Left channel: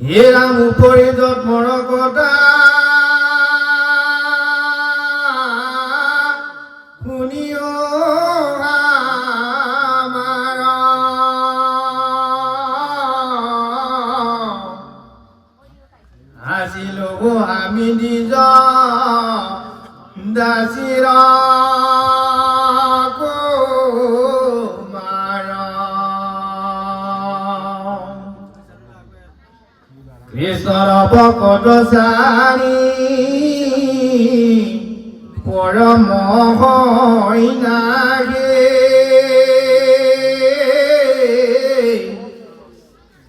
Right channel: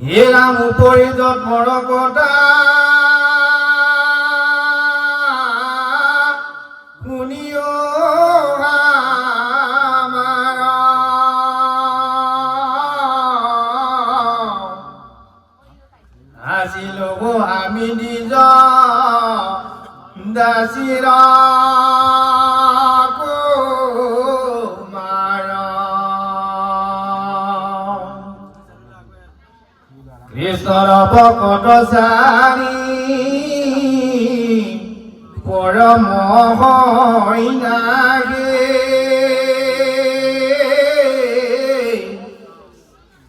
হে ৰাম উপৰিজত মৰকতা শুনিও আমাৰ আছিলো আমি নিজ দাসীৰ কৃষ্ণৰ ভকত চাৰি পৰম নাগে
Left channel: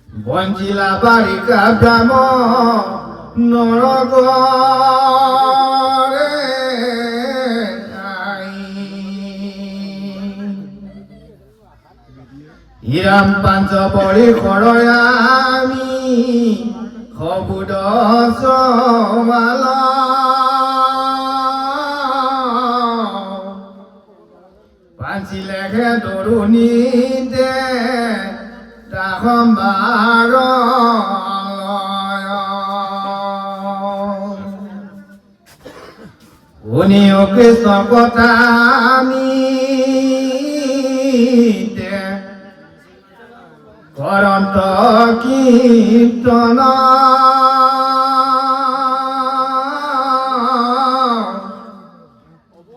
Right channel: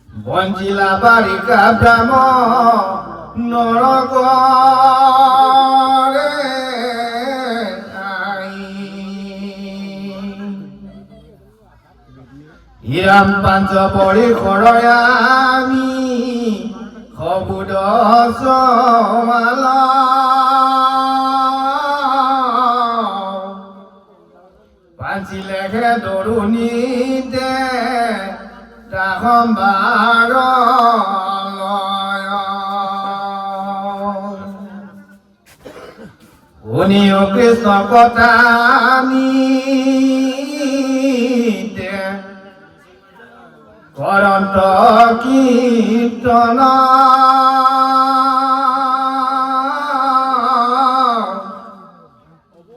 বঞ্চিলা বাৰিকা ব্ৰাহ্মণ নৰগৰে হিৰাম পাঞ্চ পৰিসৰ আমি সবুদ সমাল পাঞ্চিলেহে দৰুণীতে তাহম্বাৰ শুনিও কৃষ্ণ কথা কৰন্ত কীৰ্তন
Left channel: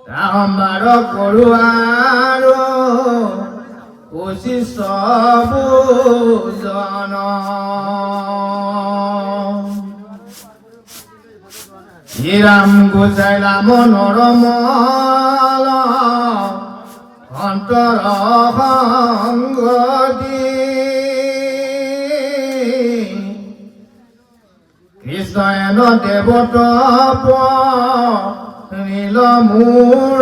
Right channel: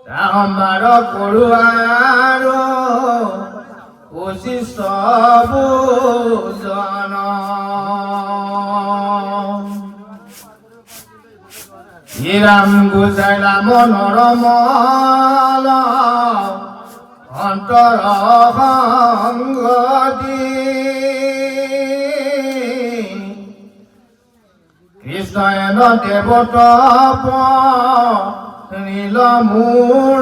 তাহম্বাৰ কৰো আৰু উচিত জন শ্ৰীৰাম গুচাইলা মনৰ মল অন্তৰ সংগতি কৃষ্ণয়ন দেৱতপ নীল মূৰ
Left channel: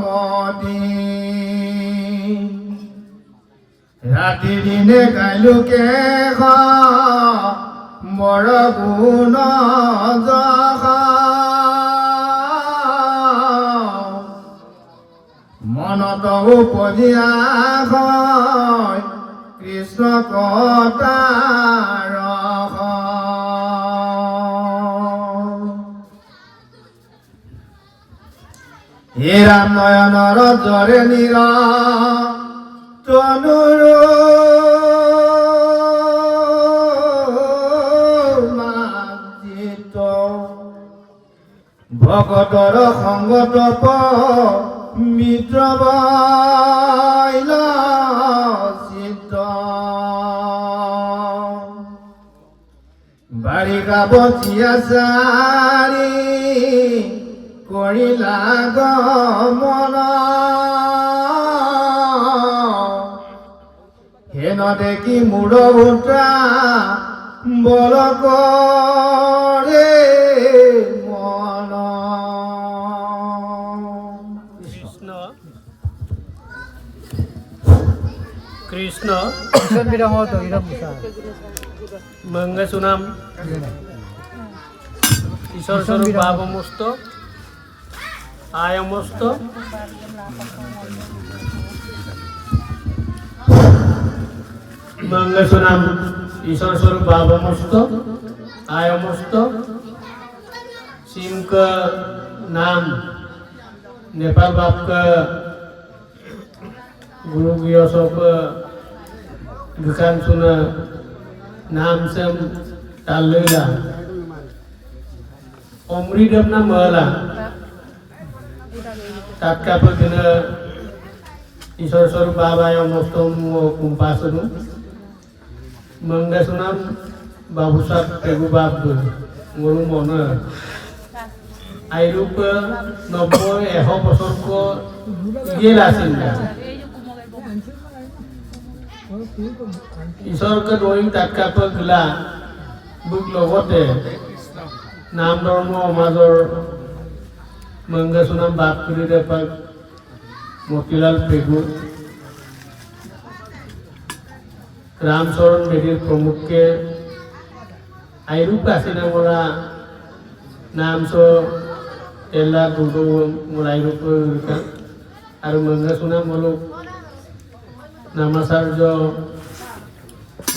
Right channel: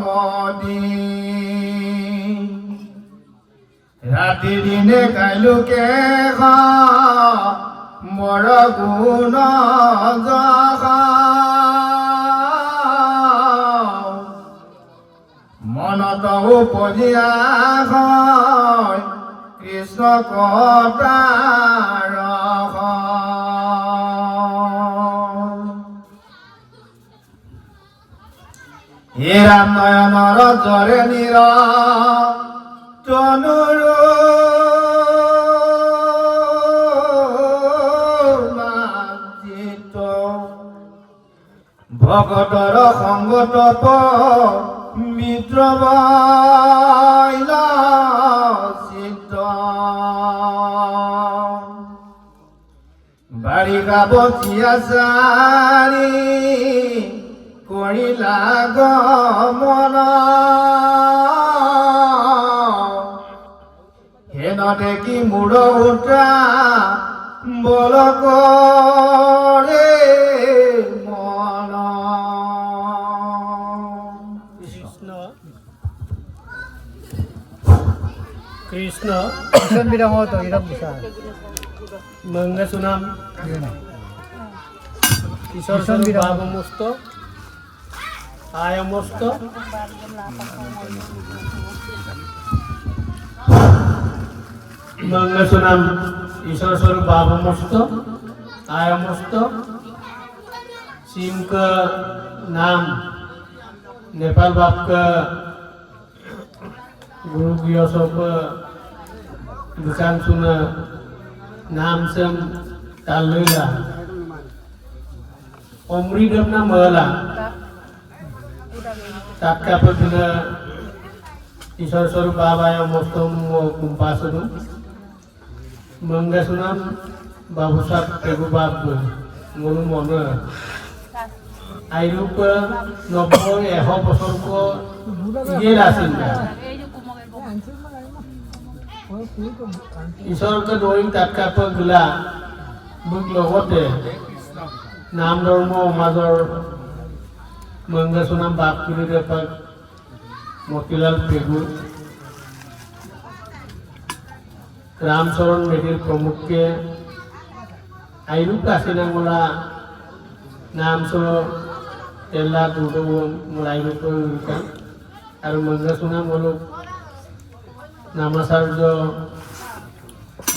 মতি ৰাতি দিনে কাইলোকে বৰ গুণ যশ মনত উপজিয়া কৃষ্ণ কটাৰ হে ৰাম নয়নৰ জৰে নিৰ তনুৰ ভকতৰ সংগতপ মিত্ৰ চিত্ত বাৰিষা বচিয়া চাৰি কৰিলা গমন হেন দেখি মূৰ উঠা বল কৰে মন Krishna Isan bilang mo to, ilang bisa. মঙ্গা সুনাম ঈশ্বর স্বরূপ ভাবমস্ত আয়মস্ত মঙ্গা সুনাম ঈশ্বর স্বরূপ ভাবমস্ত আয়মস্ত सिंह का नाम नेपाल बाप का गुरु गियोसो का दुकान सुना नाम से तालेला omri damna mala tatka pagna isor sor baba yang mostom kumpasunu mangga sunam babusat tebu babu ngonu mona airup nopo eho bosor ko gelasinda isor ka doing tatka pagla buk logote নাম ধৰ্ম সমাজৰ মঙ্গা সুনাম বাপ কৰি দেপাক মতিলাল পেগু ৰামচৰণ মেধিৰ প্ৰমুখকে আইৰুপ কাছিনাঙলা নাম চ এলা দুটো আইৰুপ আৰু মঙ্গা সুনাম হলো নামাচাৰ্য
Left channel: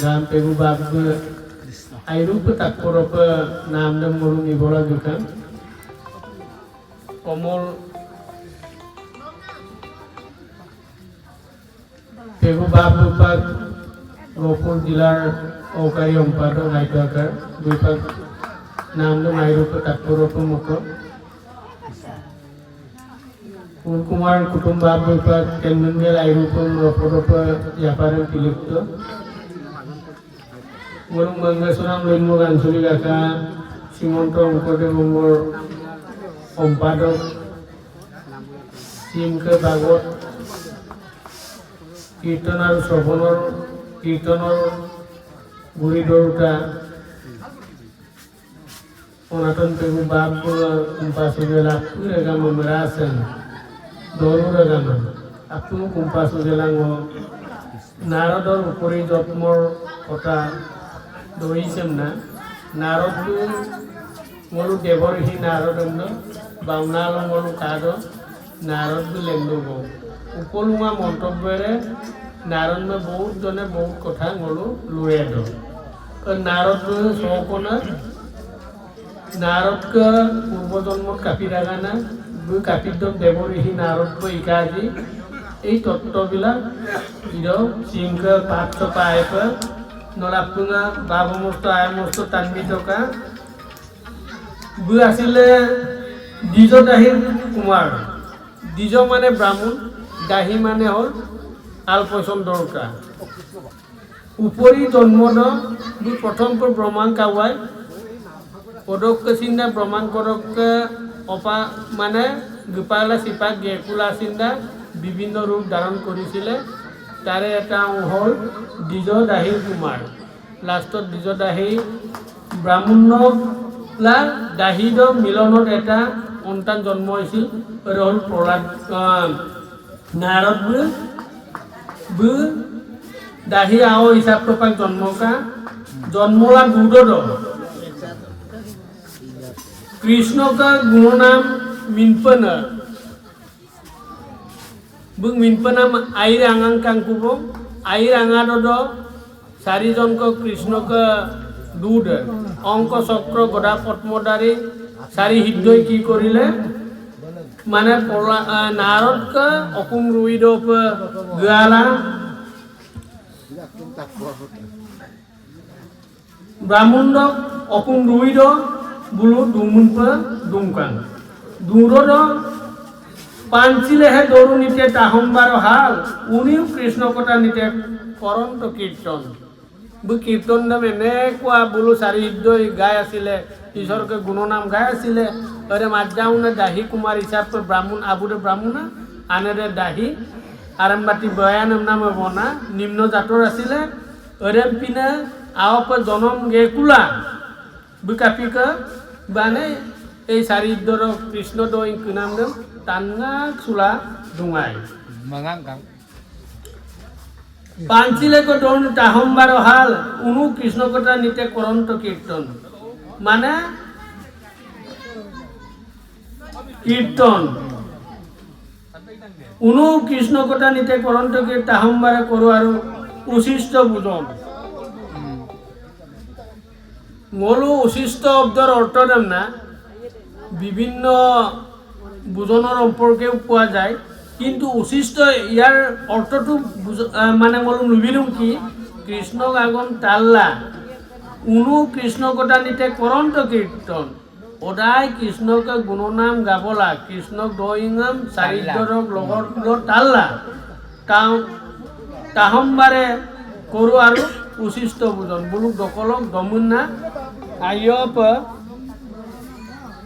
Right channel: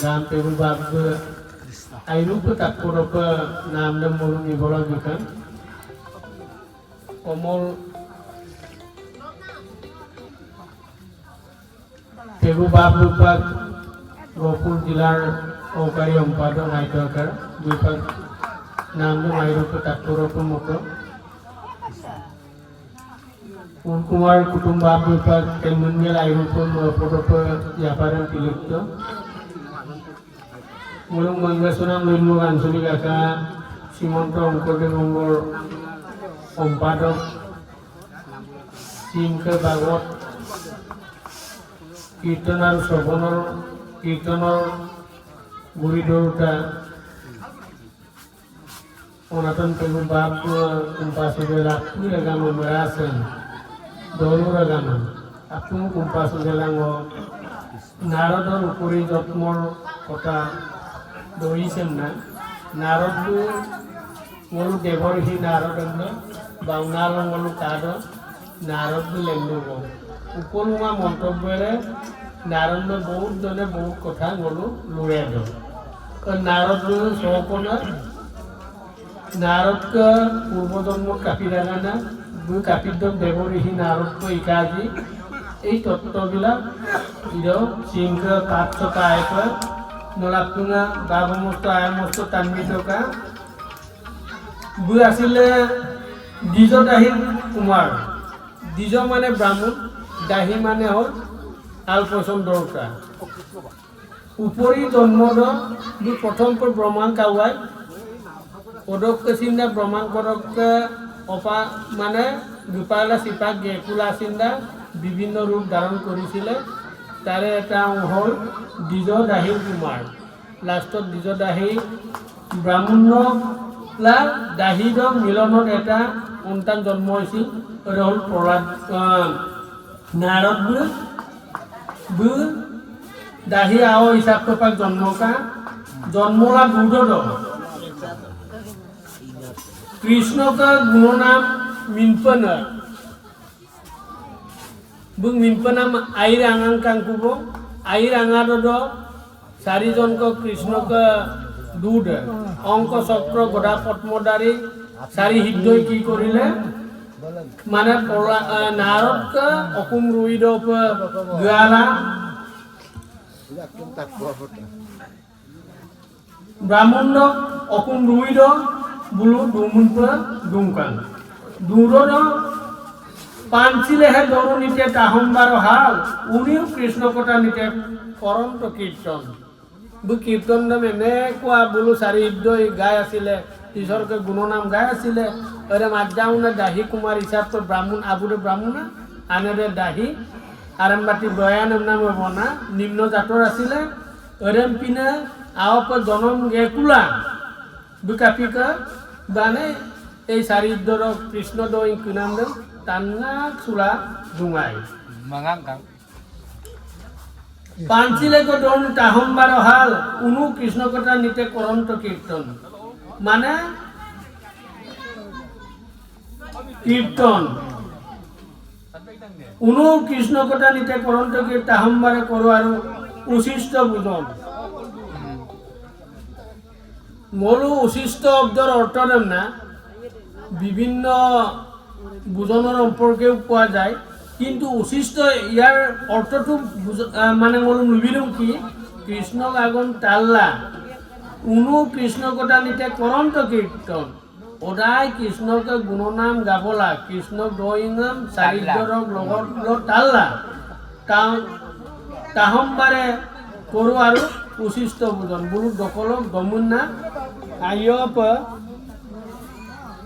গান পেগু বাপ আইরূপ তাৎপরপ নাম দম মরু নিগলা বিকান কমল পেগু বাপ বিভাগ গহপুর জেলার সহকারী সম্পাদক আইটকার বিভাগ নাম দম আইরূপ তাৎপরপ মতো কুমার কুটুম্ব বিভাগ কেন্দ্রের আইরূপ রপরপ ব্যাপারে তিলিপ্ত মরুং মঙ্গেশ্বরাম নৈমুল আঞ্চলিক শাখা শ্রীমন্ত শংকৰদেৱ সংঘৰ সম্পাদক শ্ৰীমকে ভাগৱত কীৰ্তন আৰু শ্ৰৱণৰ কীৰ্তনৰ গুৰি ধৰোঁতা সনাতন পেগু বাপ kumpasu bela tu agama merasen dolu agama aku kumpasu bela ngo নাৰদৰ উপৰি যত্মৰ কথা দহিছেম না নাৰদটো মোৰো দেৱৰ্ষি নাৰদন্দ বাউনাল মোৰো কাদ নাৰদটো লেংদব উপলুঙা মন্তব্যৰে নাৰদ বহুত জনে বহুত কথা মোৰো লুৰে দ নাৰদটো সকনা নাৰদকে পূৰ্বজন্মত কাপি ৰাগানা দুই কাপিদ্যম দেৱৰ্ষি নাৰদক ইকাজি এই তত্ত্ববিলাক সিংহ পাত্ৰ পায়ক নলাপুঙা বাবমস্ত আয়মস্ত তান্বিতকা দুই আছিলে দ্বিজ দাহীৰ কুমাৰ দ্বিজ মানে ব্ৰাহ্মণ দাহী মানে হ'ল আলপৈচন দৰকা উপৰি জন্মদ দুই প্ৰথম ব্ৰহ্মাণ কাৱাই পদক চিন্তা ব্ৰহ্মাণ পদক অপা মানে গোপালা চিপাক গেকুলা চিন্তা বিভিন্ন রূপ ধারণ করেছিলে তারে এটা হল দ্বিজ দাহী কুমার লাস্টত দ্বিজ দাহী ব্রাহ্মণলা দাহীর মিলনত এটা সন্তান জন্ম হয়েছিল হল প্রহ্লাদ নারদ দাহী আও হিসাব পাক জন্মকা জন্মলা দুধ কৃষ্ণকা গুণনাম মিনপন Bung minpanam air angang kangkubo air angadodo sarijonko Krishna ke dude অংক চক্র গদা পদ্মদারি সারি হৃদয় কি করিলে মানে নারদকে অকুম রুইদ গালা ব্রাহ্মণ অকুম রুইদ বুলু দুমুন দুমকান দুরদ পাঞ্চিলেহে দৌড় নিতে তাহম্বার হাল উনিও কৃষ্ণ কথা নিতে করন্ত কীর্তন কীর্তন নাম এনেকুৱা বোলো চাৰি হৃদয় গাই আছিলে ঈশ্বৰকে গুণনাম গাই আছিলে অৰে মাজাউনে দাহী কুমাৰ হিচাপে ব্ৰাহ্মণ আবুৰে ব্ৰাহ্মণ আনেৰে দাহী আৰম্বাতি বয়ানম নামে বনা নিম্ন জাতৰ আছিলে অৰেম পিনে আওপ জনম গেকুলা বিকাপিকা বানে এই চাৰি হৃদয়ৰ কৃষ্ণ দৈ কি নাম them Tangan sula dungai. Pancile ko don tahombar hal unu Krishna kota nite koronto kirtan. Mana kirtan. Unu Krishna kota nite koronto kirtan tahombar koru aru usishto bujon. Molu usishto obdor ortodam na বিভিন্ন বুজনৰ সম্পৰ্কেও পোৱা যায় কিন্তু উচিষ্ট ইয়াৰ অৰ্থটো মানে মই লুবিলো কি কৃষ্ণক আগন তাল্লা উনু কৃষ্ণ কথা নিতে করন্ত কীর্তন সদায় কৃষ্ণকে গুণনাম গাবলা কৃষ্ণক দৈনাম চাৰিদ্ৰক লগত তাল্লা তাহম্বাৰে কৰো আৰু উচিষ্ট বুজন বুলু দকলক দমুন্না আয়প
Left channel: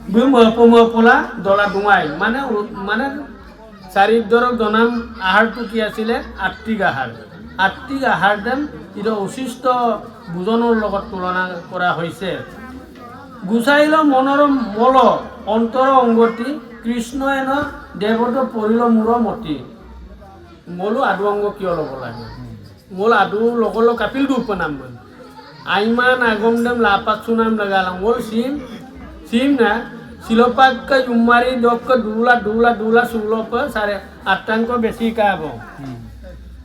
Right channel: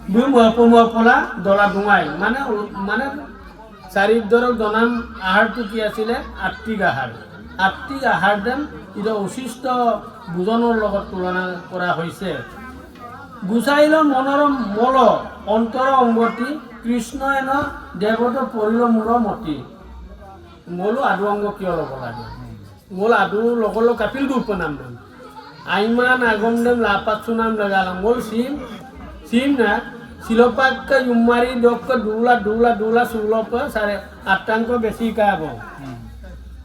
পলা দলা ডুঙাই মানে চাৰিদ্ৰক জনাম আহাৰটো কি আছিলে আত্মিক আহাৰ দেম ইটো উচিষ্ট বুজনৰ লগত তুলনা কৰা হৈছে গুচাইল মনৰ মল অন্তৰ অংগতি কৃষ্ণ এন দেৱত পৰিল মূৰ মতি মলো আদু অংগ কিয় ল'ব লাগে মল আদু লগল কাপিল উপনাম আইমান আগম দেম লাপাচু নাম লগালাম মল সিম না silopak ke yumari dok ke dula sulo pe sare atang ko besi ka bo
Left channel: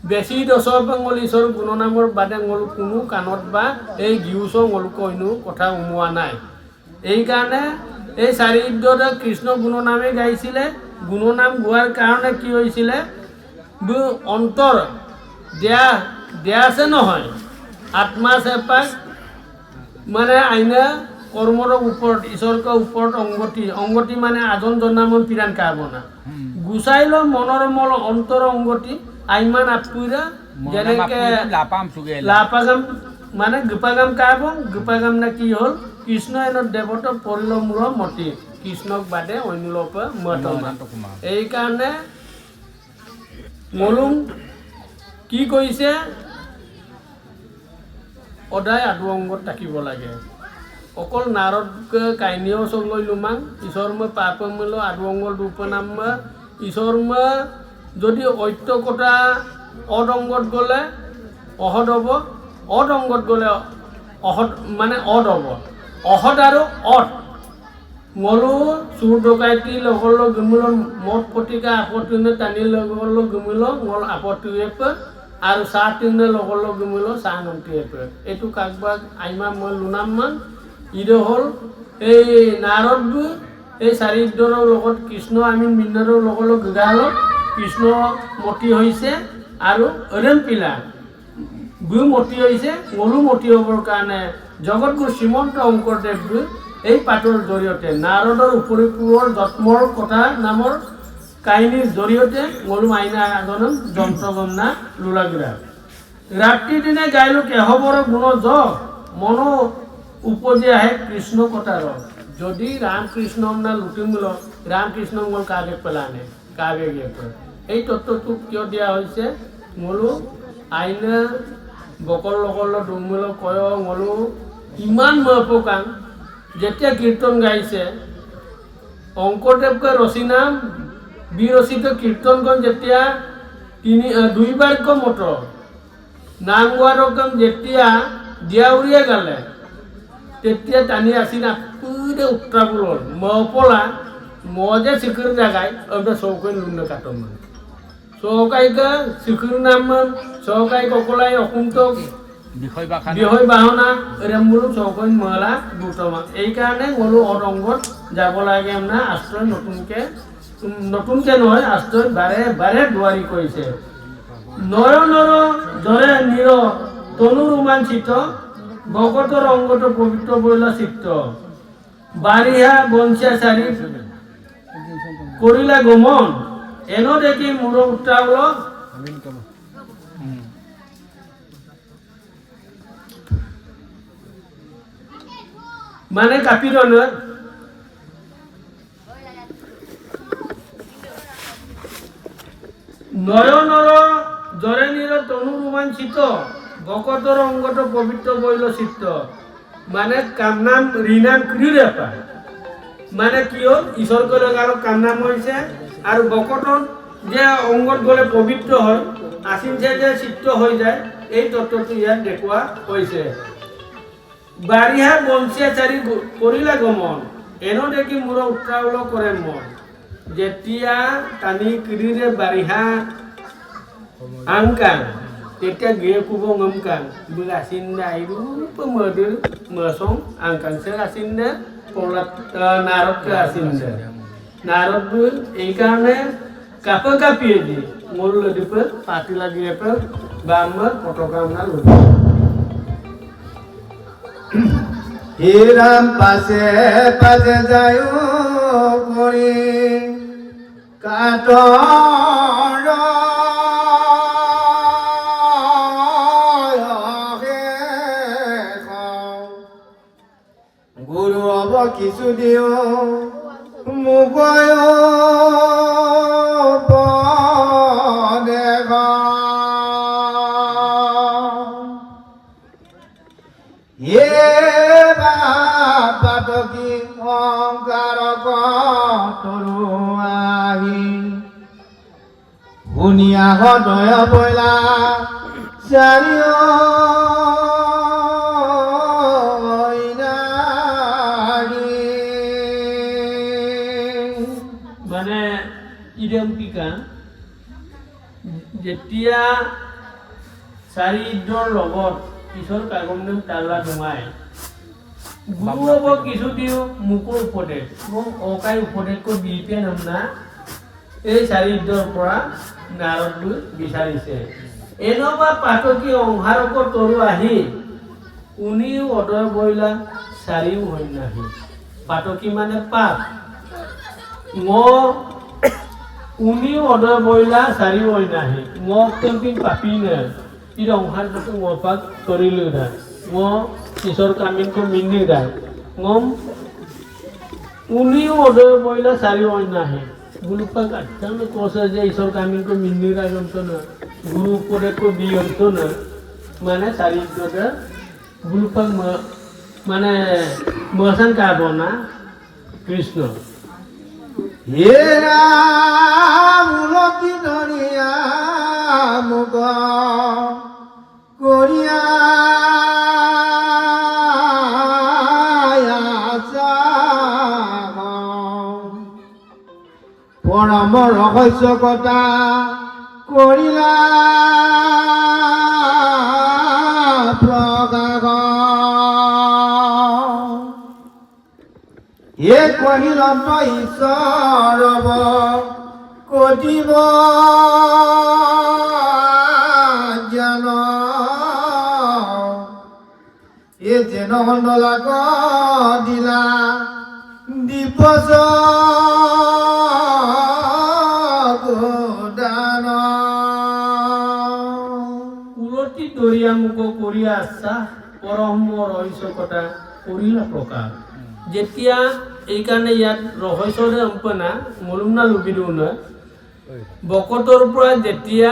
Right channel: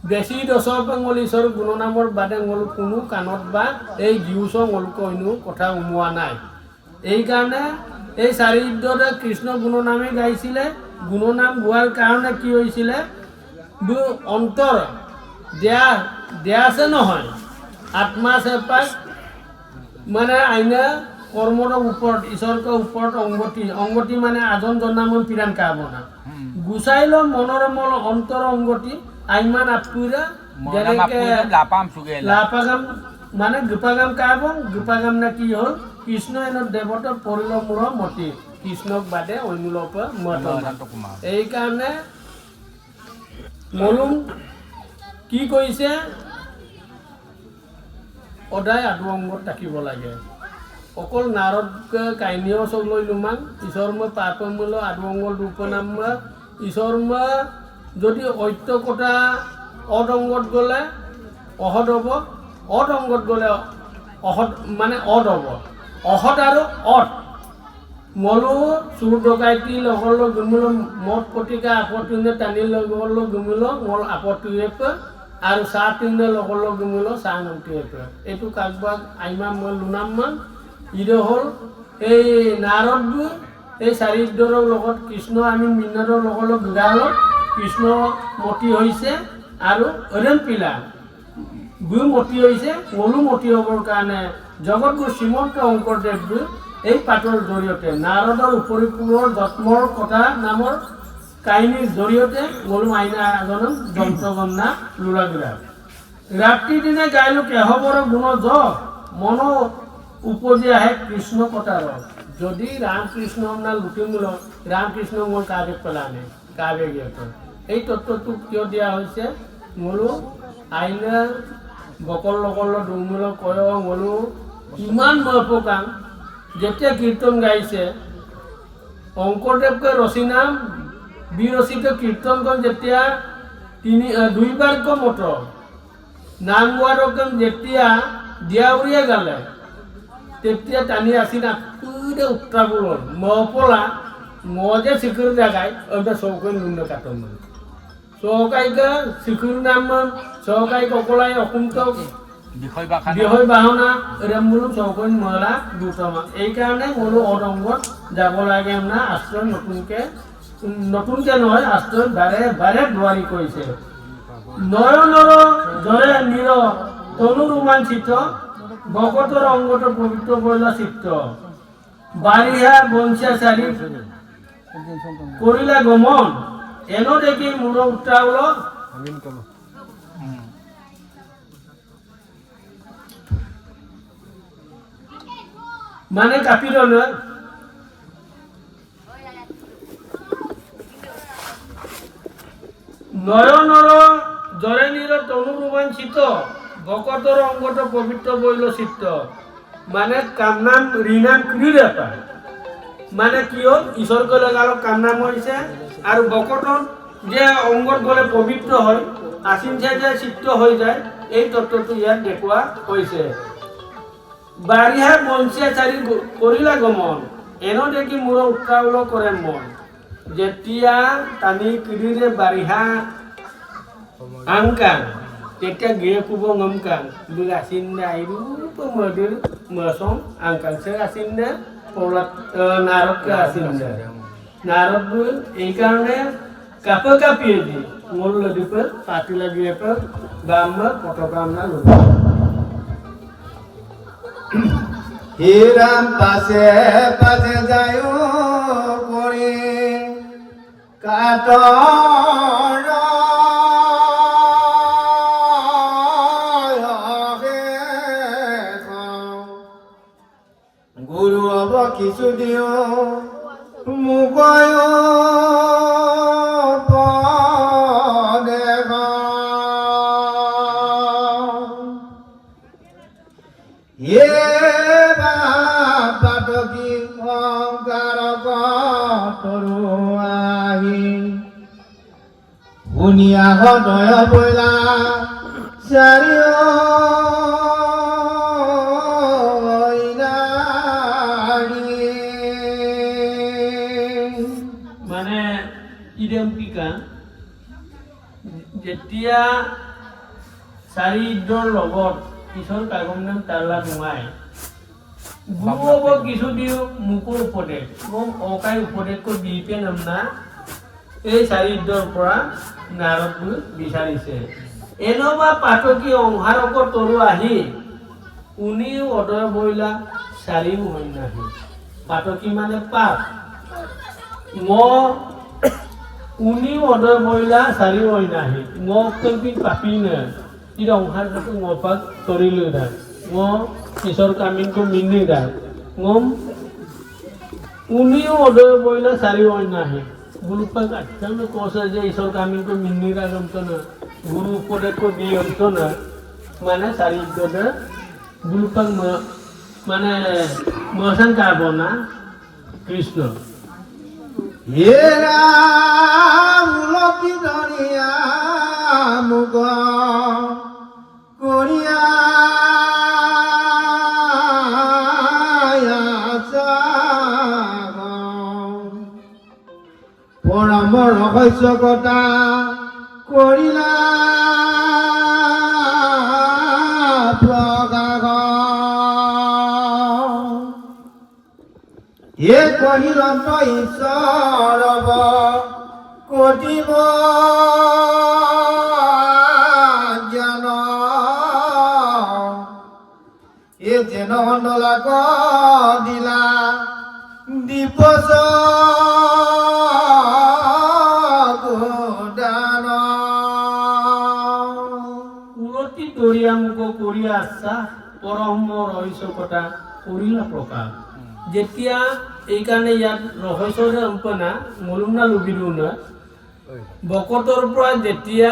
বেছি দশৰ পেঙল ঈশ্বৰ গুণনামৰ বাদে ngolu কোনো কাণত বা এই গিউচ ngolu কইনো কথা উমোৱা নাই এইকাৰণে এই চাৰিদ্ৰতে কৃষ্ণ গুণনামে গাইছিলে গুণনাম গোৱাৰ কাৰণে কি হৈছিলে অন্তৰ দেয়া আছে নহয় আত্মা আছে পাক মানে আইনা কৰ্মৰ ওপৰত ঈশ্বৰৰ ওপৰত অংগতি মানে আজন জন্মৰ পিৰান কাব না গুচাইল মনৰ মল অন্তৰ অংগতি আইমান আপুৰা যেনেকে লাপাগাম মানে গোপাগাম কাব গোপাগাম না কি হ'ল কৃষ্ণ এনৰ দেৱত পৰিল মূৰ মতি কৃষ্ণক বাদে অন্য লোক মতমা এই কাৰণে মলুম কি কৈছে সদায় আদু অংগত থাকিব লাগে অকল নারদ কাহিনীও চক লৈ লুমাং ঈশ্বর পাপ মূল আদু অংগল উপনাম ঈশ্বর যদি ঐত্য কথা অদ অংগত গলে অহদ হব অদ অংগত গলে অহদ মানে অদ হব অহদ আৰু অদ মলো চুৰ ডকাইতি লগৰ গুমিল মদ পতিকা আপত্তিনে টানি লগৰ গুমিল মল আপত্তিয়ে আৰু চাহ তিনে লগৰ গুমিল চাহ নন্তিয়ে এইটো কাকবাক আইমা মই লুনাম মান ইটো হ'ল এই নাৰদ এই চাৰিদ্ৰৰ লগত কৃষ্ণ আমি মিনাৰৰ লগৰ গাল কৃষ্ণ মতি হৈছে আৰু অৰেণ পিলা গু মতি হৈছে মলু মতি হ'বৰ কাৰণে জগতগুৰু শ্ৰীমন্ত শংকৰদেৱ এই পাঠৰ জৰিয়তে নাৰদৰ উপৰি পুৰৰ যত্মৰ কথা নামৰ কাহিনীৰ জৰিয়তে মলু আইনা আগনম যন্ত্ৰগন্না লোলাগিৰা ৰাতি দিনে গাইলো কেহবৰ গুণ য মন উপজি আহে কৃষ্ণ কথাৰ যদি ৰামকৃষ্ণ না লুটিমূল ৰামকৃষ্ণ মূল কাবে পেলানে কাবে গিয়ে এই তত্ত্বটো কিয় দিয়া হৈছে মলু আইনা বকল লগল ডমূল কয় মলু ইমান মপকাং যেতিয়া কীৰ্তন গাইছে শংকৰদেৱকে ৰচনা বিৰচিত কীৰ্তনখন যেতিয়া দুইবাৰ মত নাম গোৱাৰ যেতিয়া দিয়াউৰিয়া গালে তেতিয়া টানি আছিল পুৰে উত্তৰাবুল মপলা মজে চিকুৰ জাগাই অন্ত চৌকৈ লুণ্ড কাটন চৌকাইকা চিকুৰ নাম চৌকাই ককলাই অকুন্ত বিষয় বাহনা ৰেমুল চৌকৈন মহলা দুটামান এই কাৰণে মলো অদংগত যাব লাগে না আশ্ৰয় নতুনকে নহয় আশ্ৰয় বাৰে বাৰে দুৱাৰী কৰিছে নয়নৰ জৰে নিৰ তনু ৰোমাঞ্চিত ভকতৰ অংগত পবিত্ৰ বইলা চিত্ত বাৰিহা বঞ্চিয়া চাৰি কৰিলা গমন এনো দেখি মূৰ উত্তাল মানে কাপি ললে নয়নৰ জৰে নিৰ তনু ৰোমাঞ্চিত ভকতৰ অংগত পবিত্ৰ বৈল চিত্ত মানে কামনাম ঋণাম ক্ৰীড়া পায় মানে কি হ'ল ঈশ্বৰ গলে আৰু কামনাম হৈছে আৰু ভকতৰ যে অংগত গলে পবিত্ৰ হয় আচিন যে চিত্ত হৈ যায় এই তত্ত্বটো ইয়াত দেখুওৱা হৈছে বাৰিহা বঞ্চিয়া চাৰি কৰিলা গমন এনো দেখি মূৰ উত্তাৱল কৰে মন যেতিয়া টানি কিৰিৰে বাৰিহা angkang তেতিয়া গে কুব ngomkang begasinda iru pemoder mesong angkang serasinda polat narot ke asinda narot du এই কারণে কাপল কাপিয়ে দি মোর লদিপে পাতি লাগিয়ে পে বাম পটকা না লদি হে রাম পাশে পাশে যায় করে কাটর গুরু অব কিছু দিও মুগয় পাতকি অংকাৰক তৰুৱাহি শুনিয়া হৃদয় বৈলা চাৰিও মানে ইডেম্পিকা যেতিয়া চাৰিদ্ৰৰ লগত কিশোৰ কাগম নাম তালা ডোঙাই গুৰুব কিছু দিও মোকো উপদেশ মোক অকাই উপদেশকৈ দিপে নাম না এই চাৰিদ্ৰৰ পৰা নাৰদ বিচাৰিছে এনেবা পাতকী অংহাৰক তৰু আহি উনিও অদয় বইলা চাৰিও হৈ নাহি পাতকী মানে পাপ উনিও অদয় বইলা চাৰিও হৈ নাহি কেম্পিং পাপি নে ই অংহাৰ পাক তৰিলো না ঈশ্বৰ কামিনকো মিনি যায় উনিও অদয় বইলা চাৰিও হৈ নাহি গুৰুপাক আখ্যান কৈছে যে ঈশ্বৰ কামিনকো মিনি যায় না গুরু উপদেশ দিয়ে না মানে চারিদ্রটা গুরুপাক মানে মহাসান কাব না কৃষ্ণ হে রাম লকি ধরিয়া মুখ করিয়া পৰম ৰহস্য কথা কৰিলা প্ৰকাশ এ কহিৰন্ত ঈশ্বৰ কটিব জ্ঞান এ যেন অণ্ডলাক দিলা দিবস দৰিয়া মুখ কৰিয়া আচ্ছা পৰম ৰহস্য কথা কৰিলা প্ৰকাশ যেতিয়া এইকাৰণে ইয়াত ৰহস্যৰে অম্পনা মলুমনা লুবিলো নহয় বকতৰ পৰা যেতিয়া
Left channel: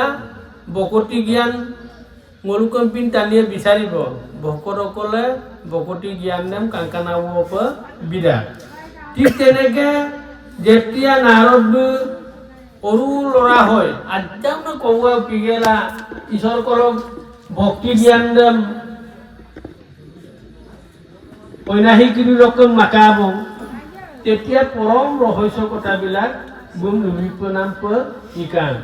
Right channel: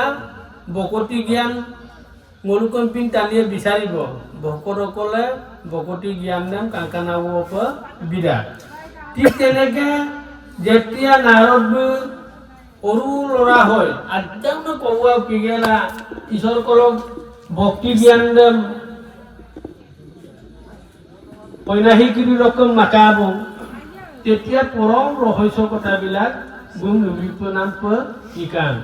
বকতি জ্ঞান মলুকম্পিন টানিয়ে বিচাৰিব ভকতসকলে বকতি জ্ঞান নাম কাংকানাব বিৰাট ঠিক তেনেকে যেতিয়া নাৰদ সৰু ল'ৰা হয় আধ্যাত্ম কৌৱা পিগেলা ঈশ্বৰ কৰক ভক্তি জ্ঞান ঐনাহিক ৰকম মাকাব তেতিয়া পৰম ৰহস্য কথাবিলাক গুম নাম শিকান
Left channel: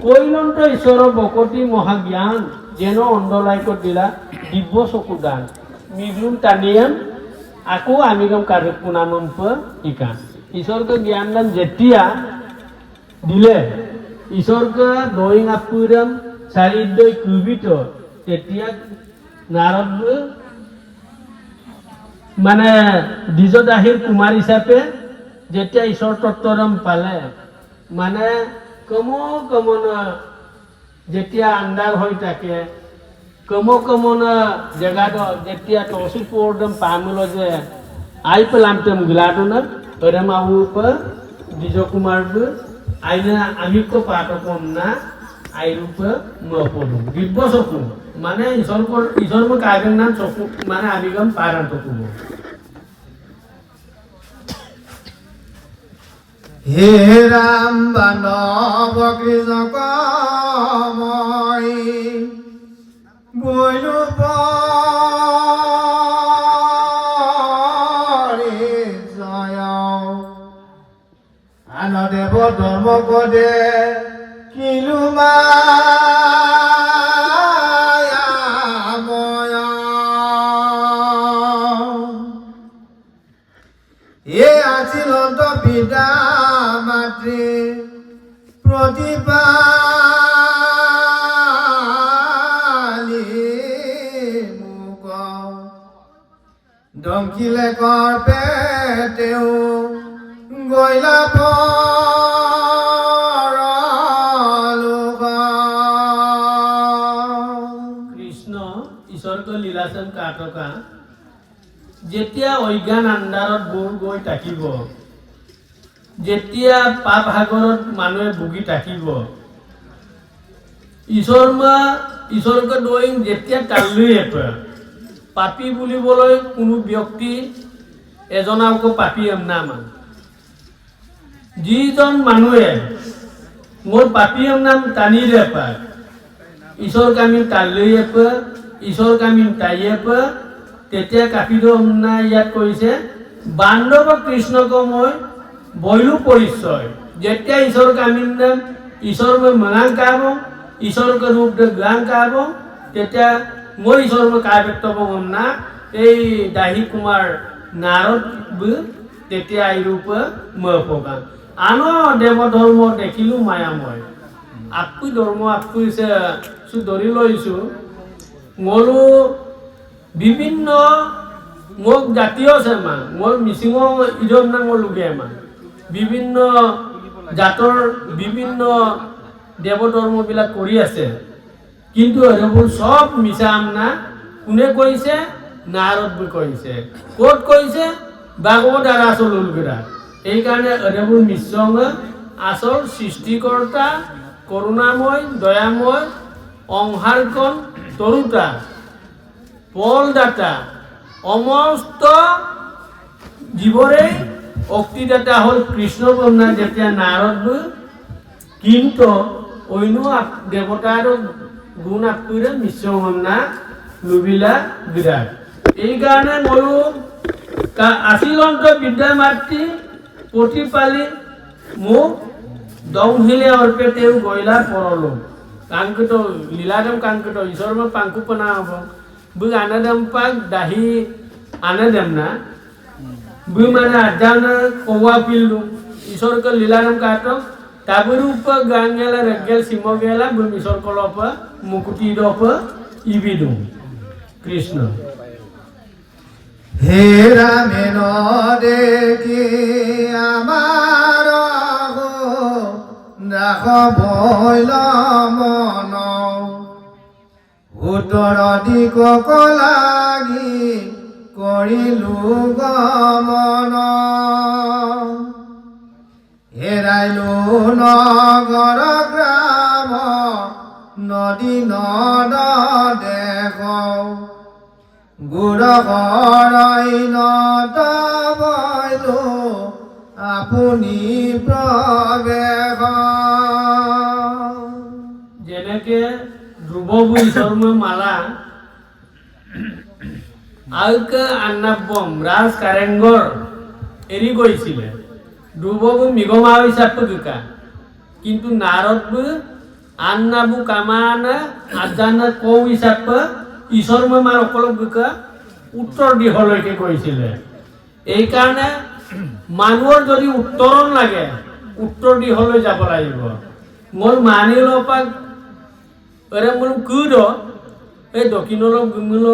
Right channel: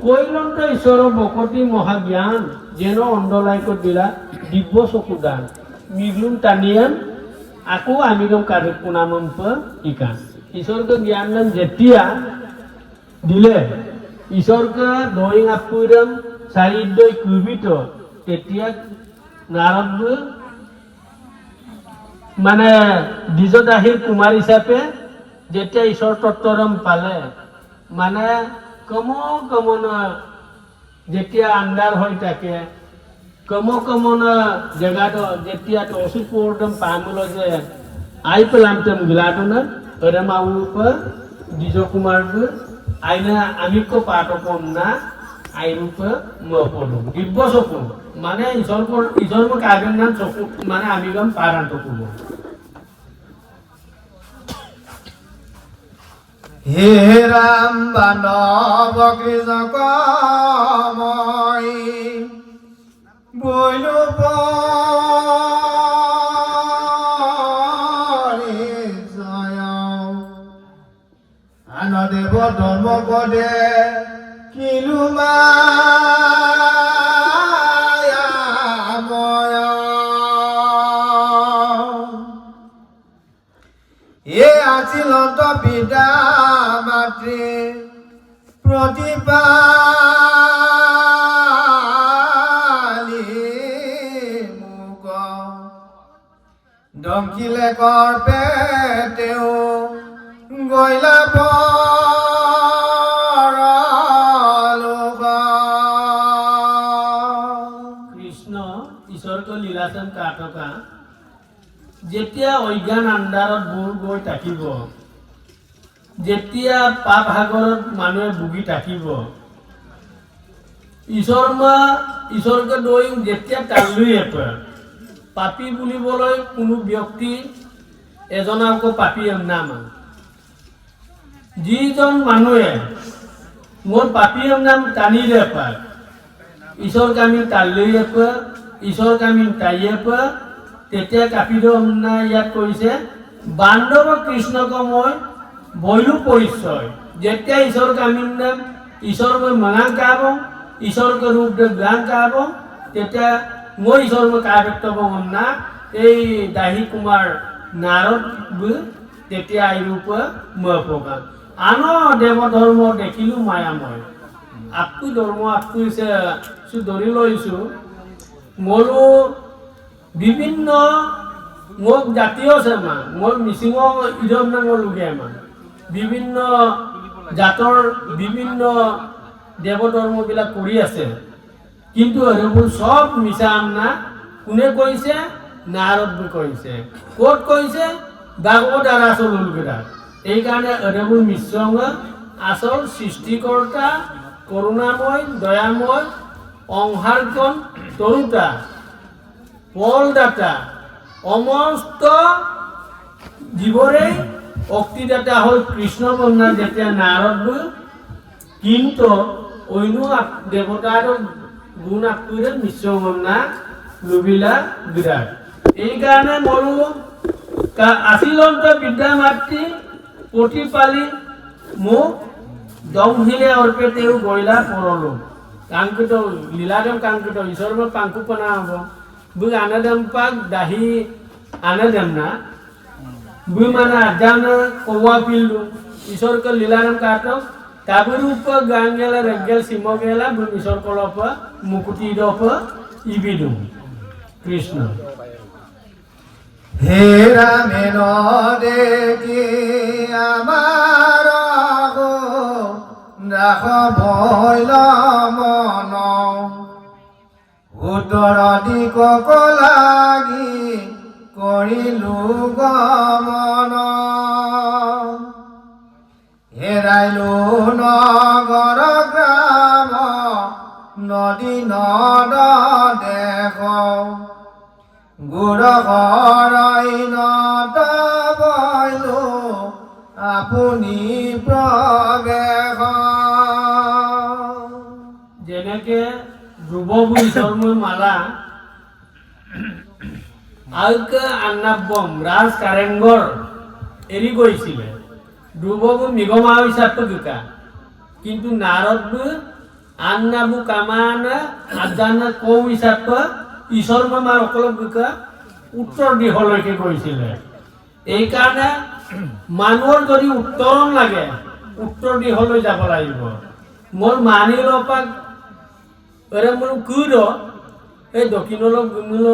কৈলন্ত ঈশ্বৰৰ বকতি মহাজ্ঞান যেন অন্ধলাইকত দিলা দিব্য চকু দান মিগুন টানিয়ান আকৌ আমি গম কাৰক পুনাম শিকান ঈশ্বৰকে জ্ঞান দান যেতিয়া দিলে ঈশ্বৰকে ড্ৰয়িং আপুৰাম চাৰিদ্ৰই কুবিত তেতিয়া নাৰদ মানে দ্বিজদাহীৰ কুমাৰ হিচাপে যেতিয়া ঈশ্বৰ তত্ত্বৰম পালে মানে কমনা যেতিয়া আন্ধাৰ হৈ থাকে কমনা জেগাটো যেতিয়া তহসিল পৰ্দম পামুল যে আই পেলামতন গিলাটো না এরম আউপর দ্বিজ কুমার আইনা আমিক পাঠক না আইরূপ মপলু দিব্য চকু মানে ঈশ্বর কাজের নাম চকু মানে আবিগম পারান্ত কুম হে রাম বানব কৃষকময় বৈলু জয় আনদেব ধর্ম পদে কিলু এ আছিল পিতা মাতৃ প্ৰতিপালি মোক ডংকিলে কৰ্পে তেওঁ গৈলা কৃষ্ণ ঈশ্বৰক লীলাচন কাটকা যেতিয়া অজ্ঞান আন্ধাৰত বুৰ গৈ থাকিব যেতিয়া পাপ সাগৰত মানুহে ভুগি থাকিব ঈশ্বৰকে দৈং যেতিয়া কালি পাপী বুলিবলৈ কোনো ব্যক্তি এজনকো পাপী নাম যিজন মানুহে মোৰ পাপী নাম টানিলে পাক ঈশ্বৰ কামি তালৈ ঈশ্বৰ কামি তাইয়ে তেতিয়া কাপিদ ইয়াত কৈছে বান্ধৱ কৃষ্ণক মই বৈলু পৰিচয় যেতিয়া ঈশ্বৰ কামিন নাম ঈশ্বৰ মই মঙাং কাব ঈশ্বৰকে ৰূপ জ্ঞান কাব তেতিয়া মই ঈশ্বৰ কাই ব্যক্ত পগম না এই দাহি কুমাৰ নাৰদ তেতিয়া আইৰূপ মপগান আনো দেব ধৰ্ম দেখিলো মায়াময় আপু ধৰ্ম আপু ধৰি লইছো মোৰো বিভিন্ন মোক জাতীয় আছে মান মোৰ মিচিং ইজন না মোৰ লুগে মান বিভিন্ন জাতৰ বিভিন্ন দেৱ ধৰ্মবিলাক কৰি আছে কিন্তু এইবোৰ সব মিছা না কোনে কৈছে নাৰদ কৈছে ক'ত কৈছে ভাগৱত আৰু আচল উলগিৰা এইকাৰণে এইবোৰ মিশ্ৰণ আচল সৃষ্টিকৰ্তা করুণাময় দয়াময় অংহারকন তরুতা ফলদাতা সমস্ত জীবরে অক্তিদাতা হল কৃষ্ণ কন্যা যেতিয়া নারদ কিন্তু অন্য দেবতার গুণ আত্মীয় মিশ্রণা লুবিলা বিরাট এই কারণে মরু আশীলন্ত বিদ্যা মাতৃ প্রতিপালি মোক দংহিলে অর্পেতেও গয়লা পরলো কাঙ্কিত লীলাদম কাঙ্কিত ঈশ্বর পাঙ্কু পনা হব বুক আনাদম পাক দাহি আনাদম না বু মানে আজানা কৌয়া পিলু ঈশ্বরকে লীলাদম কাটক তাবুর উপর গান গেলা রেগেল সিম গেলা বু ঈশ্বর কলপ মুকুটি দপ ইবিদু কৃষ্ণ হে রামেন দেখি আমার রাখ ভৈল মন উত্তৰ দিশক লাগি কৰিলো গমন হেৰাইলো নগৰ গ্ৰাম নদী নদ দেশ গুৰ অৰণ্যত বৈলো আপুনি প্ৰৱেশ যেনেকে ধ্ৰুৱবু ঈশ্বৰ্ম মালা আলকে আন্নাবম ৰাজ কাৰেংগৰ এৰি গৈছিলে ধ্ৰুৱবু মৃগমা হিচাপে গিকা কিন্তু নাৰদবু আন্নাবু কামানা আজানা কৌ হিচাপে ঈশ্বৰ্ম মাল অকলক গিকা উত্তৰ দিশলৈকে গৈছিলে এইকাৰণে মানুহৰ যদি উত্তৰণ লাগে উত্তৰ দিশলৈ যাব লাগিব মোৰ মানিল পাক এৰে মোৰ কুদ এই দক্ষিণলৈ গুমিল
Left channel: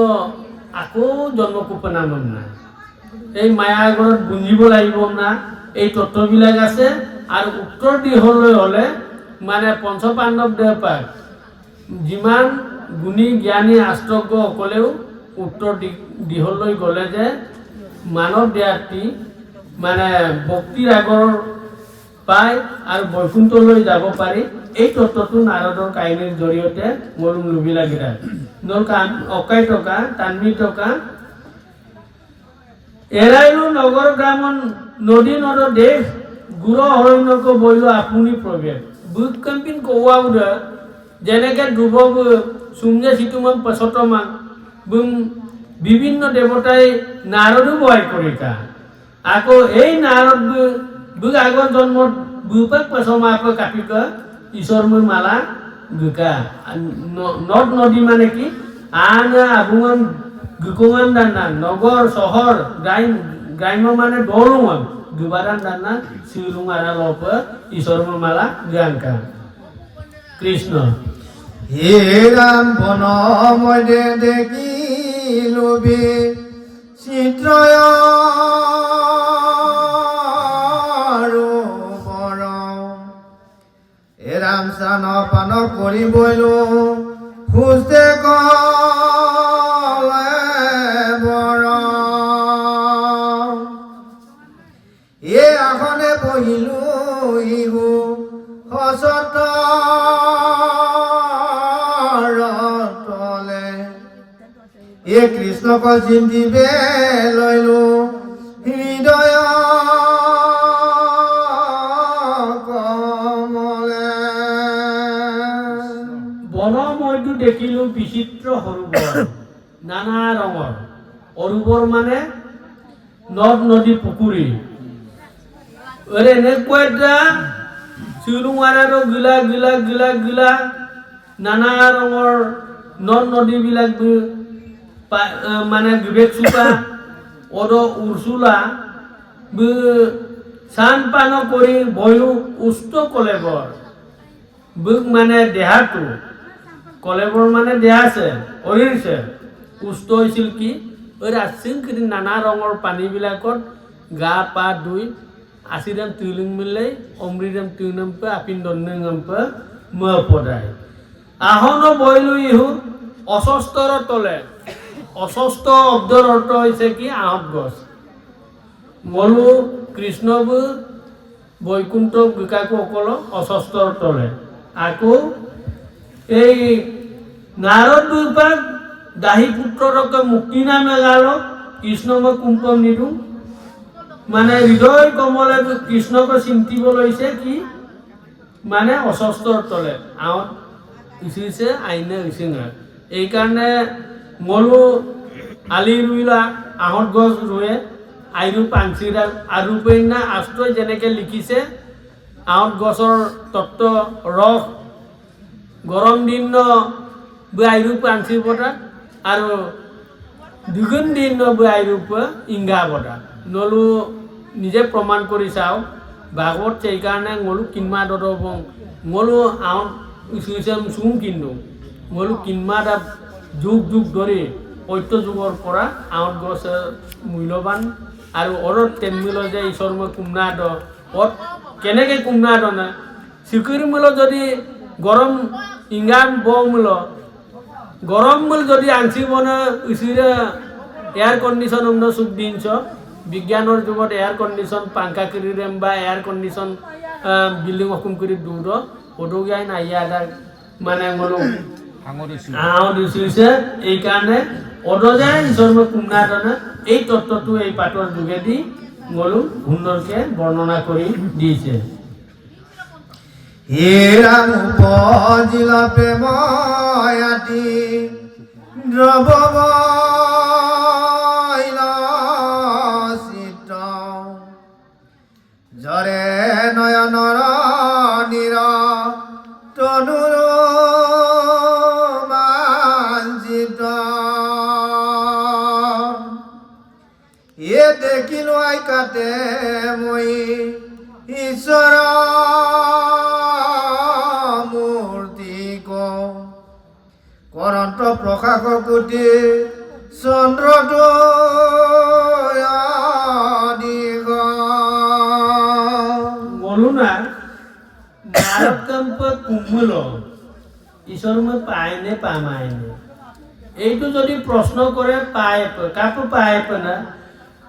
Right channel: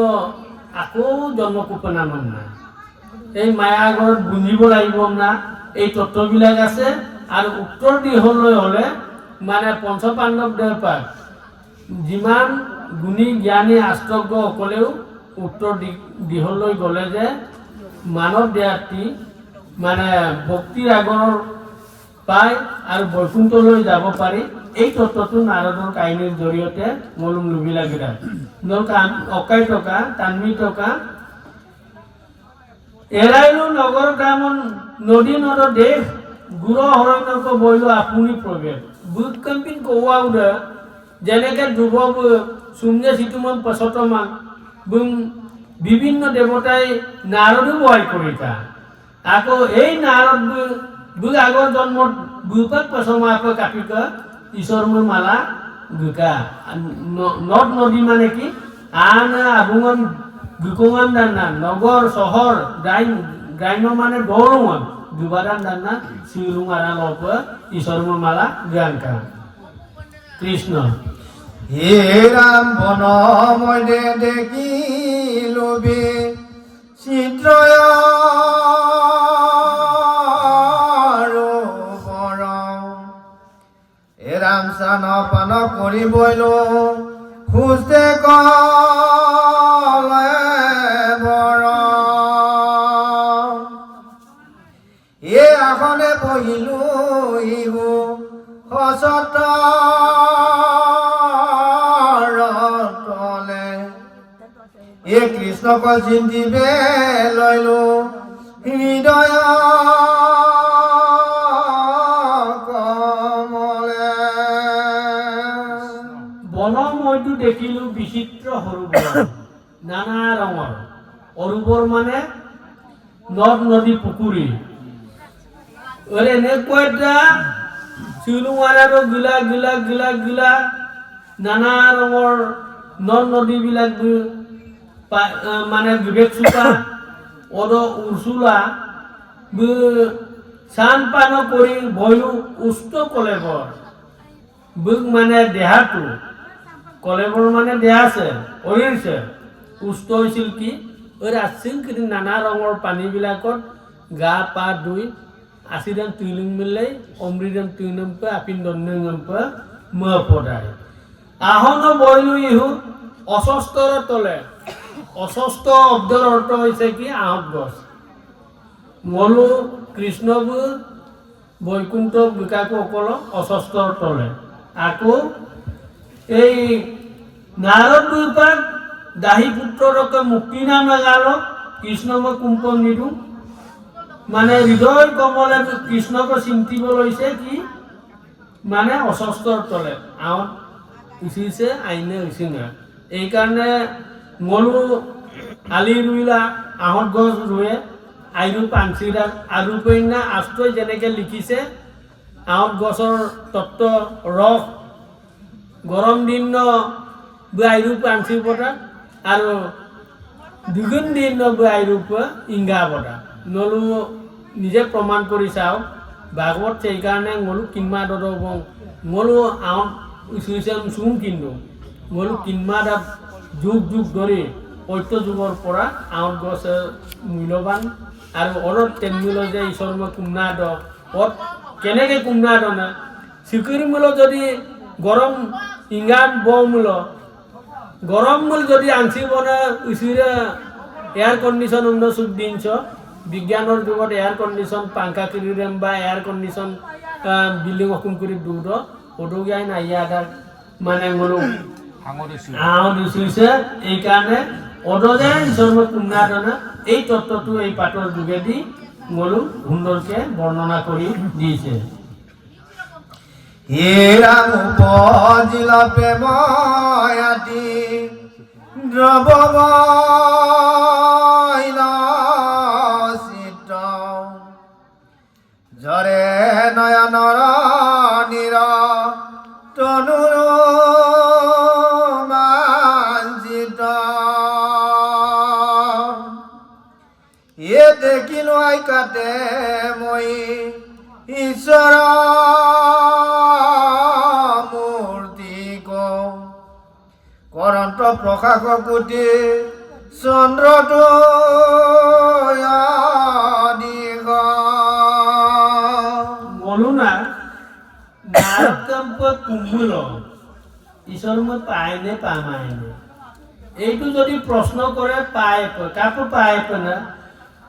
আকৌ জন্ম কোপনা মন না এই মায়াৰ ঘৰত বুঞ্জিব লাগিব না এই তত্ত্ববিলাক আছে আৰু উত্তৰ দিশলৈ হ'লে মানে পঞ্চপাণ্ডৱ দেৱ পাক যিমান গুণী জ্ঞানী আষ্টজ্ঞ সকলেও উত্তৰ দিশলৈ গ'লে যে মানৱ দেহাটি মানে ভক্তিৰ আগৰ পায় আৰু বৈকুণ্ঠলৈ যাব পাৰি এই তত্ত্বটো নাৰদৰ কাহিনীৰ জৰিয়তে মোৰ লুবিলাগিৰা দৰ অকাই টকা তান্বী টকা এৰাইলো নগৰ গ্ৰাম নদী নদ দেশ গুৰ অৰণ্যক বৈলো আপুনি প্ৰৱেশ বুক কম্পিন কৌৱাউদ যেনেকে ধ্ৰুৱ চুমনে চিতুমান পছতমান বুম বিভিন্ন দেৱতাই নাৰদো বয় কৰিতা আকৌ এই নাৰদ বুক আগৰ জন্মত বুপাক পছমাপ কাপিক ঈশ্বৰময় মালা গুকা নদ নদী মানে কি আন আবুমান গুকুমান দান্না নগৰ চহৰ গ্ৰাম্য মানে দৌৰমান দুবাৰান দান্না শিলুমাৰা লপ ঈশ্বৰময় মালা গানকা কৃষ্ণ হে ৰাম বন মধ্যে দেখিলো চিত্ৰয় ৰাম চান পান কৰি বৈলো খুজতে কলে বৰ এ আসনে বহিলো ইহু হসত তলে এ কৃষ্ণক চিন্তিবে লৈলো হৃদয় দেখিলো বিচিত্ৰ সৰোবৰ নানা ৰঙৰ অৰূপৰ মানে নদ নদী পুখুৰী এনেকুৱা এটা চুলুমাৰাৰো গিলা গিলা গিলা গিলা নানা ৰঙৰ নদ নদীবিলাক মানে বিবেক চোকা অদ উৰ্চুলা চান পান কৰি বয়ো উষ্ট কলেবৰ বুক মানে দেহাটো কলেবৰ মানে দেহাছে শৰীৰছে উষ্ট হৈছিল কি আছিল কি নানা ৰঙৰ পানীবিলাকত গা পা ধুই আছিৰাম তিলিং মিলাই অমৃতম তিনম্পে আপিন দন্নম্পে ম পদায় আহন বয়লো ইহু অস্বস্তৰ তলে অস্বস্ত শব্দৰ অৰ্থ হৈছে কি আহত গছ মলু কৃষ্ণব বৈকুণ্ঠ বিকাকো অকল অস্বস্তৰ তলে আকৌ এই নারদ বিপাক দাহী পুত্ররকে মুক্তি না নাগাল কৃষ্ণকে কুম্ভ নিদু মানে হৃদয় কমলে কৃষ্ণকে চিন্তিব লৈছে কি মানে অস্বস্তৰ তলে আহত উচিছে আইনে উচিঙা এইকাৰণে মলু আলি ৰুইলা আহত গছ ৰুৱে আইৰু পাঞ্চিডাল আৰু পেইনা আশ্ৰয় যেনেকৈ লিখিছে আহত গছৰ তত্ত্ব ৰস গৰম দিন আইৰু পাঞ্চি বটা আৰু দুগুণ দিন আইৰু ইংগা বটা নলু নিজে প্ৰমাণ কৰি চাওক ভাগৱত সেইকাৰণে মলু কিনমা দদ মলু আহত উচিছে চুম কিন্তু মলু কিনমা দা যুগ যুগ ধৰি সত্য যুগৰ পৰা আহত গছ মূল্যৱান আৰু অৰত তেনমিল যে ঈশ্বৰ মই কুমনা দ অত কেনেকৈ কুমনা দ না চিকুৰি মূল যদি গৰম ইংগা বমূল গৰম মূল যদি আনচিব না উচিৰে এয়াৰ কণ্ডিশ্যন অন্য চুক দিনছ বিজ্ঞানৰ যুগত এয়াৰ কণ্ডিশ্যন পাংখা কিৰিৰেম বা এয়াৰ কণ্ডিশ্যন বিল্ডিং অসুম কৰি দূৰ সদুগাই নাইয়া মানে মনো দিছে এইকাৰণে অদজাই ঈশ্বৰ কুমনা দনে এই তত্ত্বটো এই পাঠৰ যোগেদি মলু সুন্দৰকে বৰ্ণনা কৰি দিছে হে ৰাম উপজিলা প্ৰেময়াতি দ্ৰৱময়িত জৰে নয়নৰ নিৰ তনুৰ এ দেখিলো আই কাতে মই ঈশ্বৰ মূৰ্তি কৰন্ত প্ৰকাশ কোটি চন্দ্ৰটো বলো না নাৰকম্প কুম্ভল ঈশ্বৰ মই পায় নে পামায় নে এইটো যদি প্ৰশ্ন কৰে পায় কাকো পায় না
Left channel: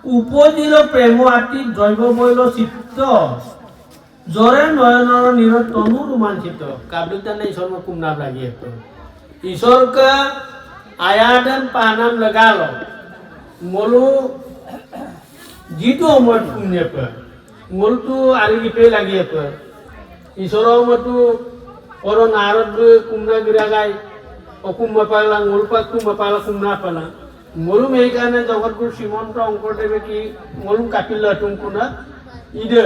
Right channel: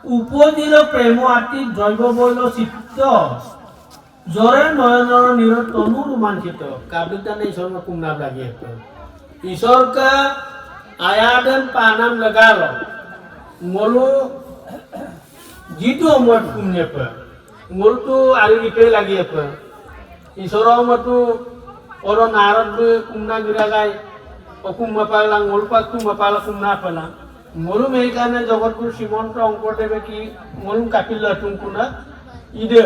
উপজিল প্ৰেম আতি জৈৱ বৈল চিত্ত জৰে নয়নৰ নিৰ তনু ৰোমাঞ্চিত কাব্যিকদানে ঈশ্বৰ में कुमना लगी ईश्वर का आयादन पानम लगा लो मोलू जीतो मत कुमने पर मोल तो आली लिपे लगी पर ईश्वर मतो और नारद कुमना गिरा गए অকুম বাপালা মোলপাক কুম বাপালা কুমনা পালা মলু মেইকানে জগতপুর শ্রীমন্ত অঙ্কদেবে কি মলু কাপিলা টুমকুনা ইদে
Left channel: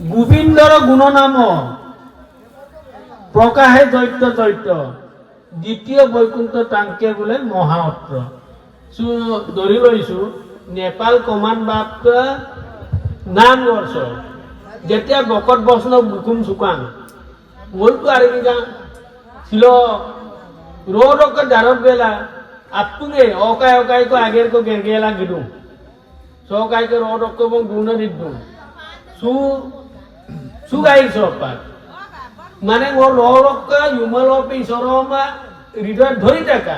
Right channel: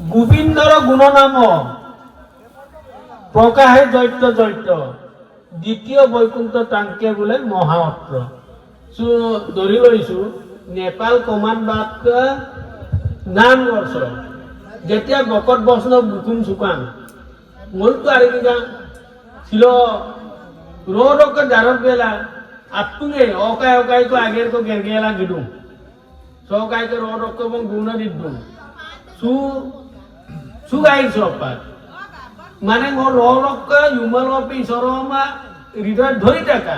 গোবিন্দর গুণনাম প্রকাশে দৈত্য দৈত্য দ্বিতীয় বৈকুণ্ঠ টাঙ্কে বোলে মহাঅত্র সো ধরি লইছো নেপাল কমান বাপ নাম বর্ষ যেতিয়া বকট বৈষ্ণৱ বুকুম চুকান মোলটো আরিগা ছিল रोड का दारब बेला अपुगे ओकाय को आगे को गेरगेला गिदु सोकाय को रोड को बं गुण दिदु सु गाई सोपा माने मो रोड का युमल पे सरमा हृदय धरि टाका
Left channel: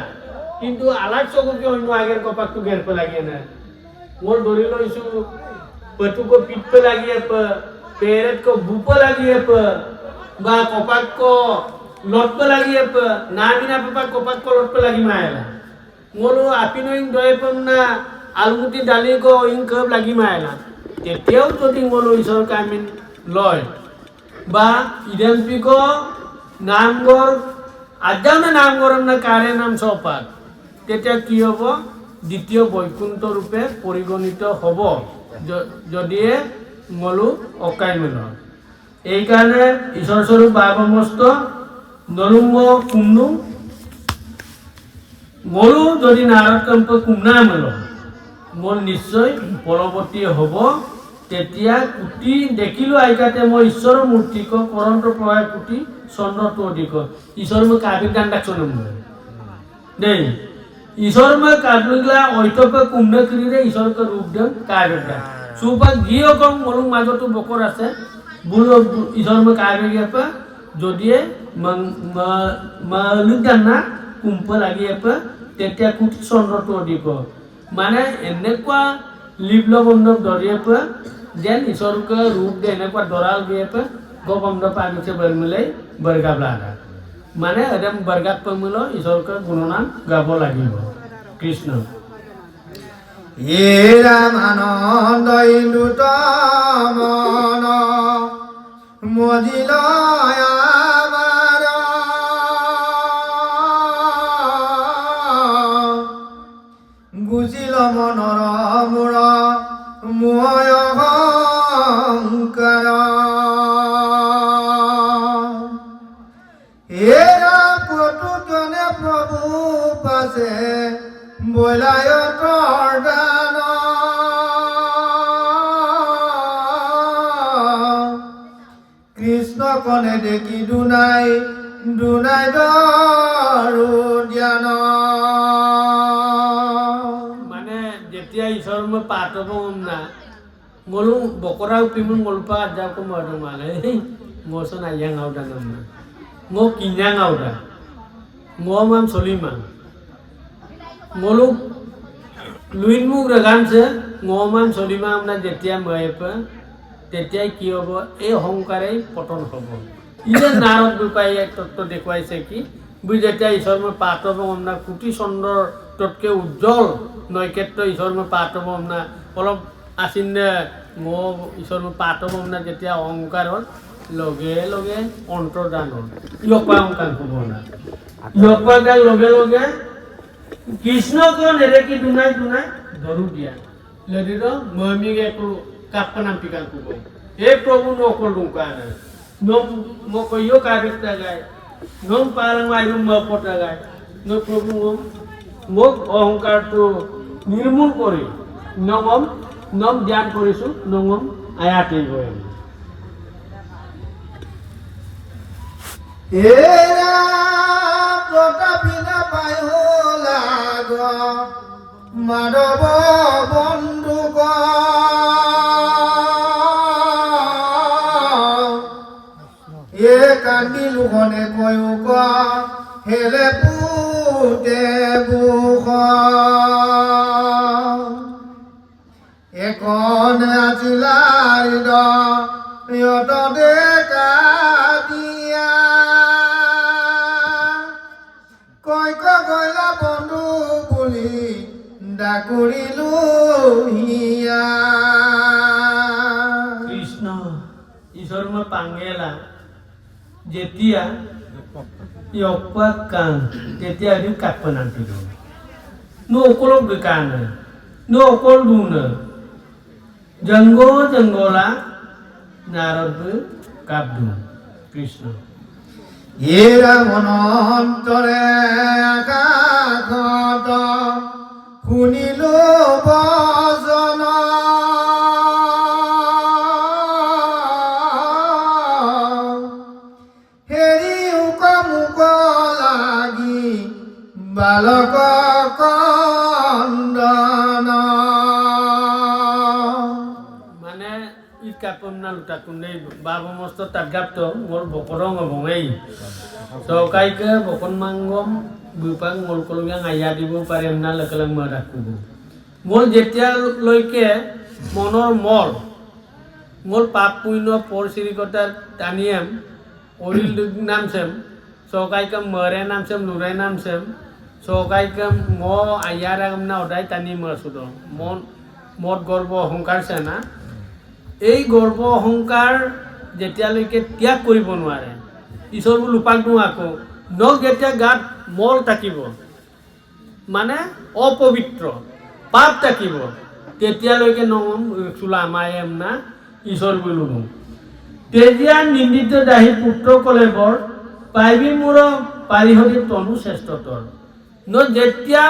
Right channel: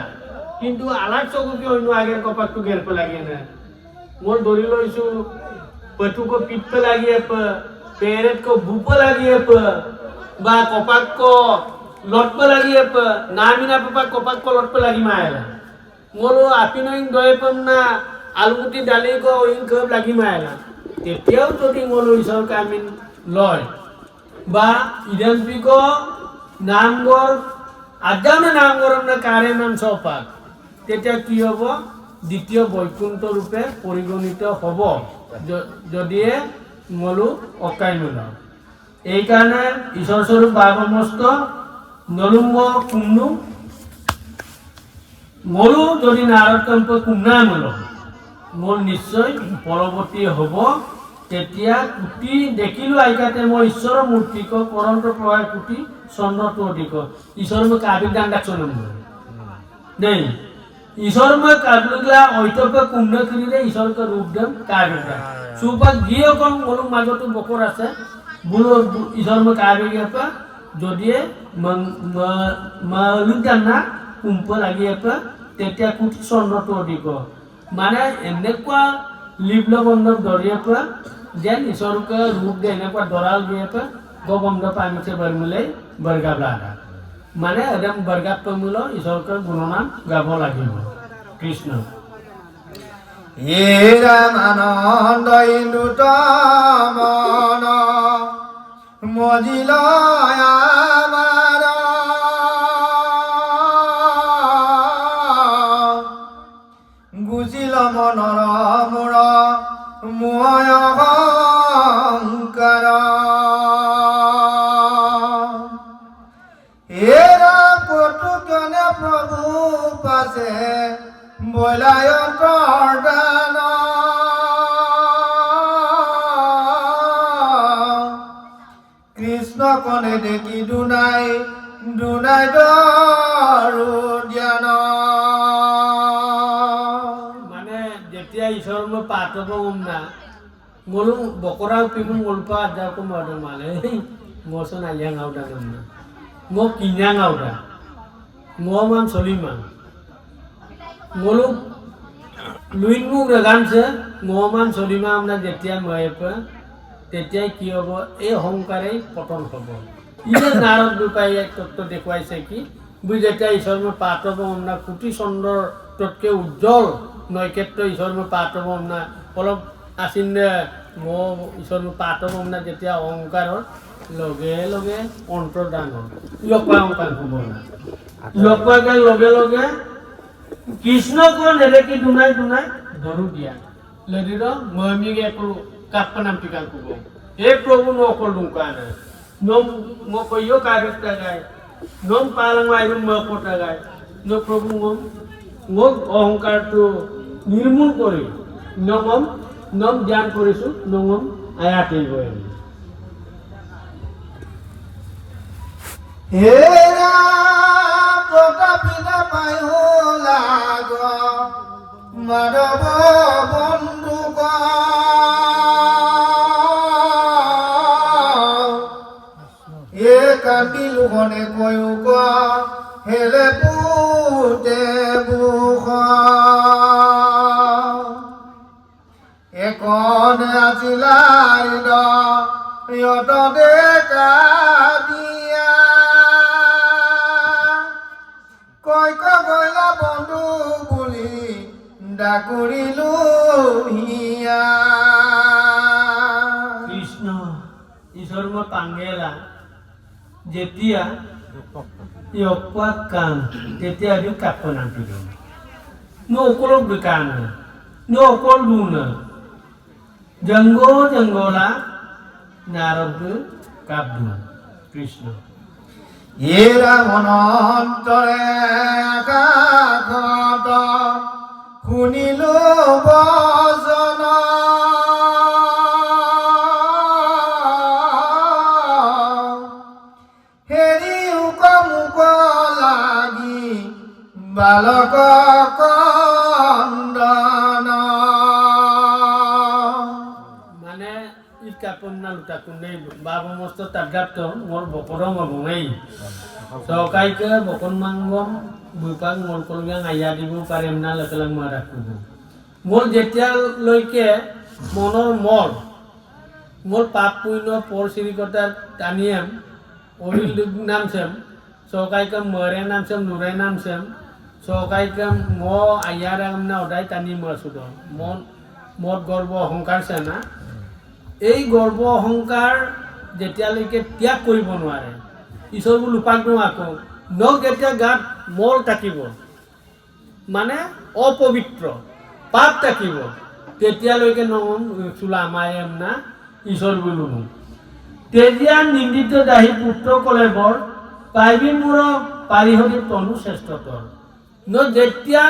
किंतु आलाक सको के अन्य आगे को पाक गेल पे लागे ना मोर धरि लइसु पटु को पित्त लागी पेरेट को भूप लागी बा कपाक को लटप लगी नामिना पापा कपाक को लटप लगी मायला मोरो आपिनो इन दय पमना आलुमुटी डाली को इन कब लगी मायला तेतेও যদি মোলো ঈশ্বর কামিন লয় বা ইডেনপি को নামগর আজানে নামগরম না কারে নাম সপাত তেতিয়া কি হ'ব দ্বিতীয় বৈকুণ্ঠ ৰূপে পৰিগণিত হ'ব যদিয়ে মোলো অকাই মিল এই কাৰণে ঈশ্বৰ স্বৰূপ বাবমস্ত নলুম্ব কুমনু মোৰো যদি নাৰদ কম্প কুমনা মেল মোৰ নিশ্চয় পৰৱৰ্তী হ'ব তেতিয়া কুটি দেখিলো আইকাতে মই ঈশ্বৰৰ মূৰ্তিক কৰন্ত প্ৰভাৱ কুটি চন্দ্ৰটো অধিক ঈশ্বৰ মই কাবিক দান ডাকছন দেই ঈশ্বৰ মই কাবিলা ঐতব্য কুম্ভ কিৰিৰে ঈশ্বৰক ৰূপ দিম কাবিক দান সুপাক গিয়ে কম মোৰো মাজতো বকৰ আছে বুলো ঈশ্বৰ মই কাবিক আপা যদিয়ে মালিদান না কুম্ভ লাগি আপা তেতিয়া কুটি চন্দ্ৰটো অধিক মানে এনেকুৱা লিপ্লবন্ধক ধৰিয়ে পৰা যেন ঈশ্বৰক ৰূপ দিয়ে এনেকুৱা দৰাল দিয়ে পৰা গোবন্ধ পামিছে বৰমিলে বৰগাব লাগা মানে একদম বৰগাত পমিল ঈশ্বৰক গুণনাম গাব লাগিব কৃষ্ণ হে ৰামানন্দ ইন্দুত মন মজিল আমাৰ গুজিল মনৰ মূৰ মোয় অহংকাৰ হেৰা কটুকনে প্ৰভু পাছে বৈলায়তৰ দান কৃষ্ণ কনে দেখি দুনাই দুনাই দৰু জ্ঞান যেতিয়া ঈশ্বৰ মই পাঠ হ'ব গম না মোলো বকৰা উপিমো মোলপা আজাকো মৰদং মানে মোচোন আইয়াং আউদা নাম মো কিনাং আউদা মো মান চলিমান মোলো লুইন মুখ রেগানছে মো মান চলিমা আমরা যেতিয়া ময়েপা তেতিয়াই কি হ'ব এই অহংকাৰেই পতন হ'ব ইয়ে নাৰদ দুপাই এক তত্ত্ব দেখুৱাইছে কি বুঝ যেতিয়া ঈশ্বৰ মই পাঠ হ'ব গম না কোটি চন্দ্ৰৰ ততকে উজ্জ্বল নৈকেত্ৰ ঈশ্বৰ মই পাঠ হ'ব না অলপ আছিনে মো ঈশ্বৰ মই পাঠ হ'ব না যেতিয়া অহংকাৰৰ লগে লগে অন্তৰ্দান হ'ল ইয়পা অহংকাৰ হ'ব না ইয়পাৰ লগে লগে কৃষ্ণক নেদেখি দুনাই দুনাই ধৰু দিয়া লদিৰ মহিমিক একো কাপ্পা নাম পিকান ক'ব এই প্ৰভু নকল দুকা নাই নম মই কৈও কাগজটা গায় নম পালং আইন নপটা গায় ন প্ৰভু মোক অহংকাৰটো নিৰ্মূল কৰি নম নম জ্ঞান কৰিছোঁ নম আয়াতে গৈ হেৰা প্ৰতাপিনা পায়ো লাগ মাধৱ বন্ধুক এ কান্দিলো গনে কয়ুক হেলে পুতে বুখ একন আছিলাৰিদ ইয়ত ডেকা দিয়া কয় কয়লা বন্ধু বুলি ডাকুৰিলো হিয়া কৃষ্ণ ঈশ্বৰ মই পাঙ্গেলা যেতিয়া কান তেতিয়া আমি কাপ্পা নাম পিলো নো অকলক কান নো অকল গুণ জঙ্গলা নারদ কাব্দু কৃষ্ণ এরা মনন্তরে আকাশত শুনিলো বচন হেৰি উক মুক লাগি বালক কন্দন মানে ই কাপন্না লুটা কুন্ডে বাবু মস্ত তাগাপ্ত মোর বকরং অবঙাই সকাইকে বকন মাঙ্গম দুপাং মোর কলগাং আইয়া দিব পাৰিম না লকলাং মা ৰাখিব মোৰ যেতিয়ালৈকে মনৰ মোর পাপ পুণ্য পর শ্রীকতার টানিয়াম অরিল নামছেম সকাইকে মরে নামছেম নুরে নামছেম সকাইকে ম আইয়ার না ওদাই টানি মরছুদ মন মোর গর্ব অহংকার সেনা এই গৰ্ব অহংকাৰ যেতিয়ালৈকে ত্যাগ কৰিব নোৱাৰে ঈশ্বৰবোৰ লোপাক দিওঁ আকৌ নখ যেতিয়া গাত মল থাকিব মানে অপবিত্ৰ পাপ থাকিব তেতিয়ালৈকে নম চোলা মায়েম না ঈশ্বৰবোৰ লোনো তেতিয়া নিন্দিত দাহী পুত্ৰ কলে বৰ পাইবি মোৰ পাৰিহৰি তনু শ্ৰেষ্ঠতৰ ন যেতিয়া